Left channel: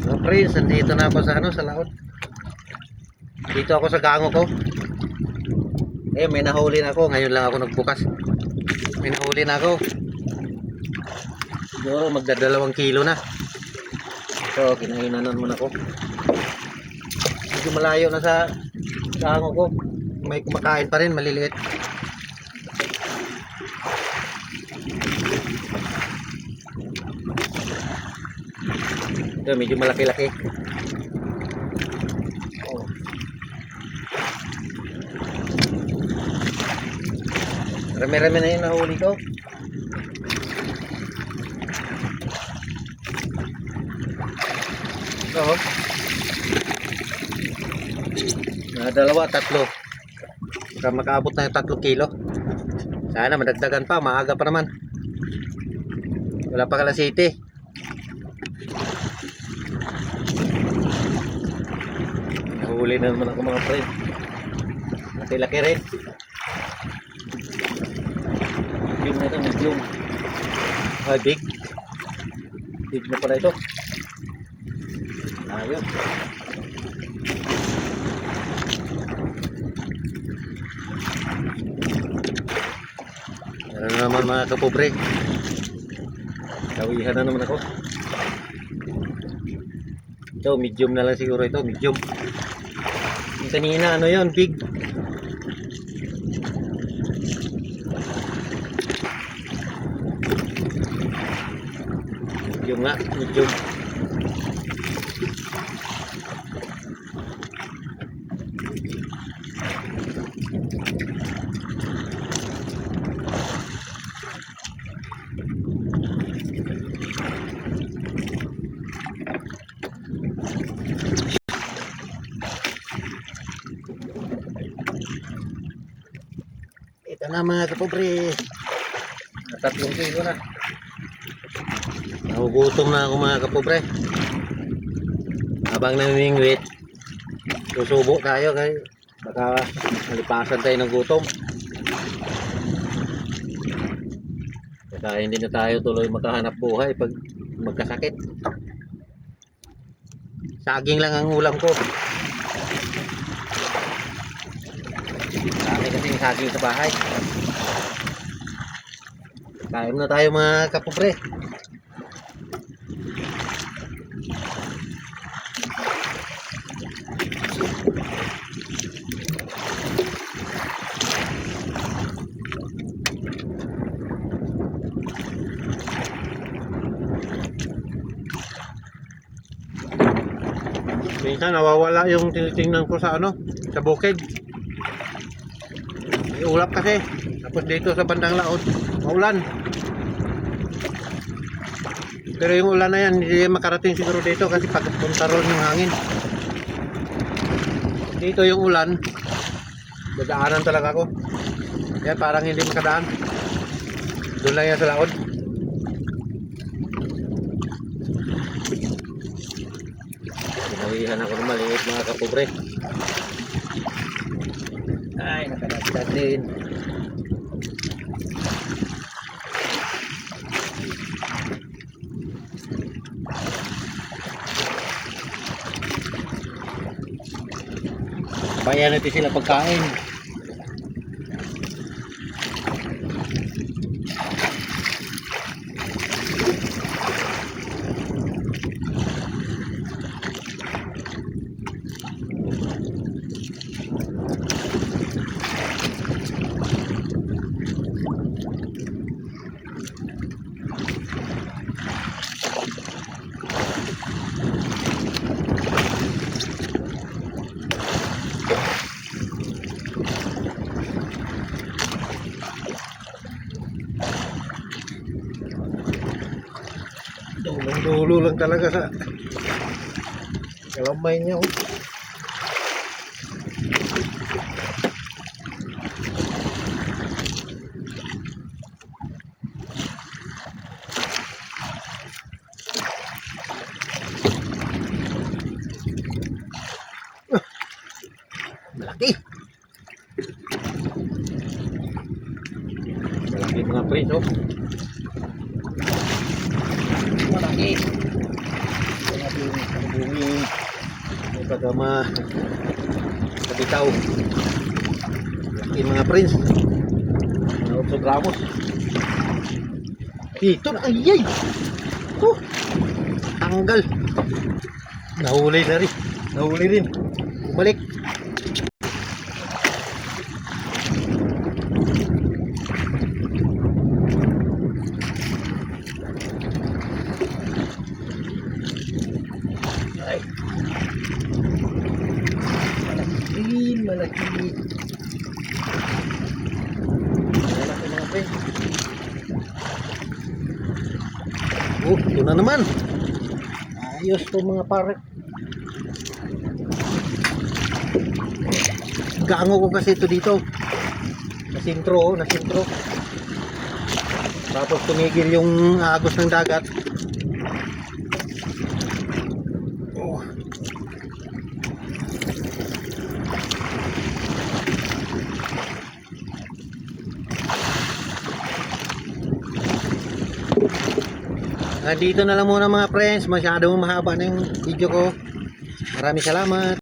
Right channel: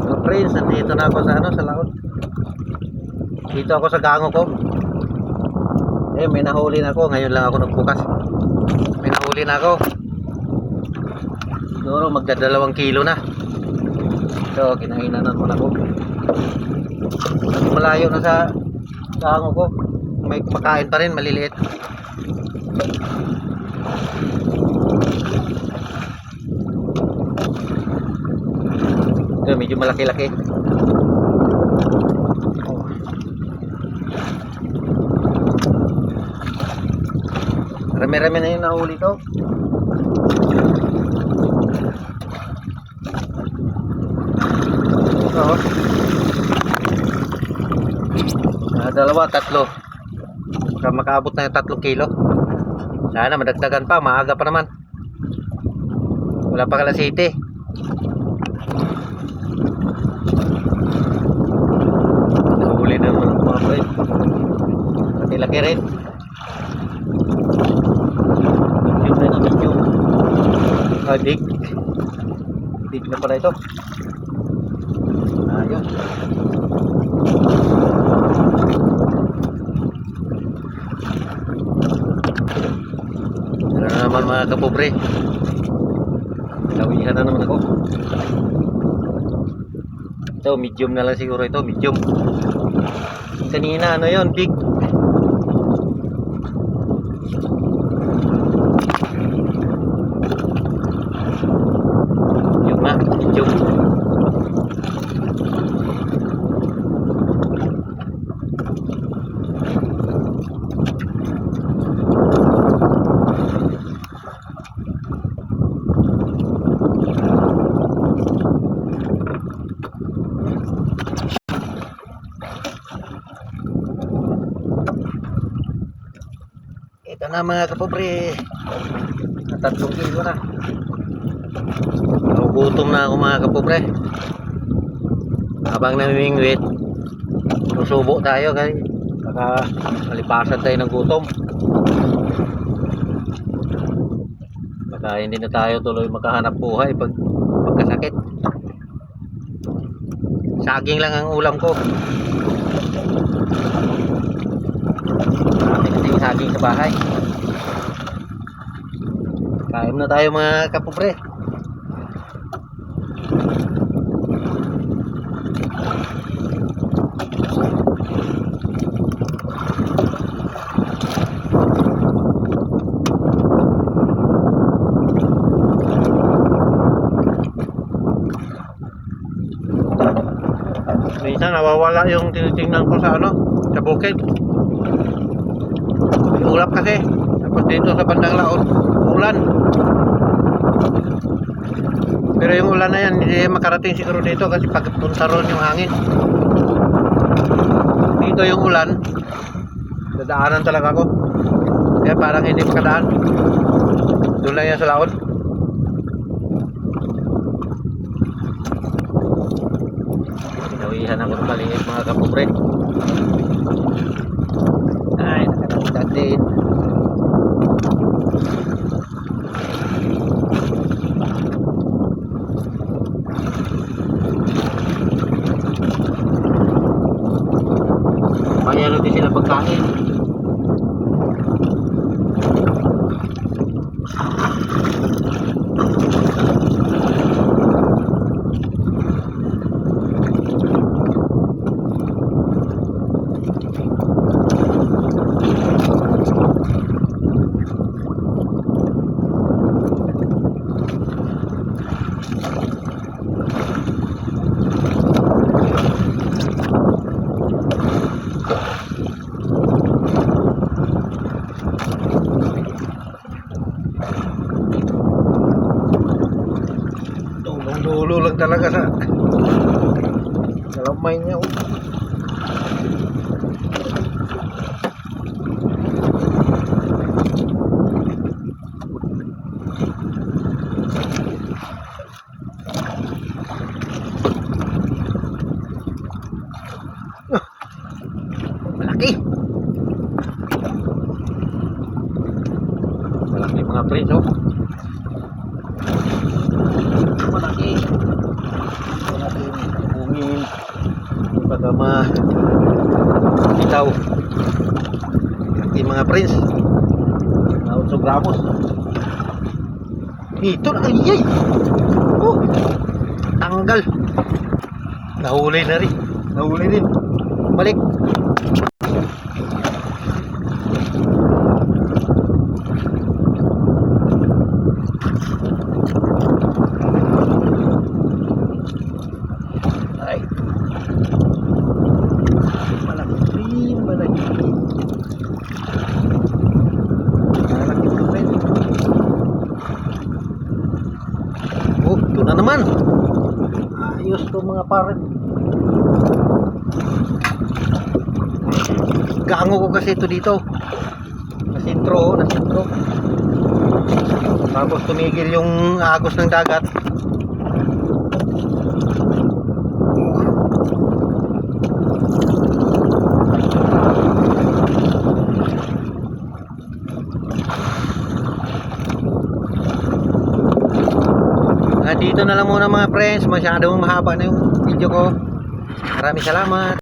Mga friends, nandito na ako sa sa laot. Dito ako sa gango ko. May nahuli na ako. Ngayon lang ako nagbukas. May nahuli na ako. Siguro magdadalawang kilo na. So, kinainan naman ako. Malayo na sa gango ko. May kumakain pa rin, maliliit. Ito, medyo malaki-laki. Rami-rami na yung nahuli ko. Ito, dalawa, tatlo. Baka makaabot na yung 3 kilo. Sana madagdagan pa, maaga pa naman. Wala pa kala city. Nahuli na naman ako mga friend. Laki-laki rin. Medium na naman yung big. Big na pala ito. Ayun. Ano naman mga kapobre. Lawihan na naman ako. Ito medium na lang siguro ito. Medium. Kanina ano yun, big. Medium na, medium. Ito na mga kapobre. 3 kilo na. Nagugutom na ako mga kapobre. Habang namimingwit, susubo tayo kaya baka malipasan tayo ng gutom. Baka hindi na tayo tuloy makahanap buhay pagkasakit. Saging lang ang ulam ko. Saging sa bahay. Kain na tayo mga kapobre. Minsan nawawala yung tinitingnan ko sa sa bukid. Ulap kasi. Tapos dito sa bandang laot, ulan. Pero yung ulan na yan, hindi makarating siguro dito kasi pagpunta ron yung hangin. Dito yung ulan, dadaanan talaga ako. Kaya parang hindi makadaan. Doon lang yan sa laot. Nawihan ako ng maliit mga kapobre. Ay, nakakagdag din. Payan natin sila pagkain. Dulo lang talaga sa kalamay niya. Malaki. Malaki mga friends, oh. Malaki. Ito natin bumi yung pagkama bitaw yung mga prince na 8 gramos dito na ayay oh tanggal nahuli na rin nahuli din balik ay malaki malaki oh ito na naman ayos to mga pare gaango ko kasi ito dito nasintro tapos tumigil yung agos ng dagat dito na lang muna mga friends masyadong mahaba na yung video ko maraming salamat.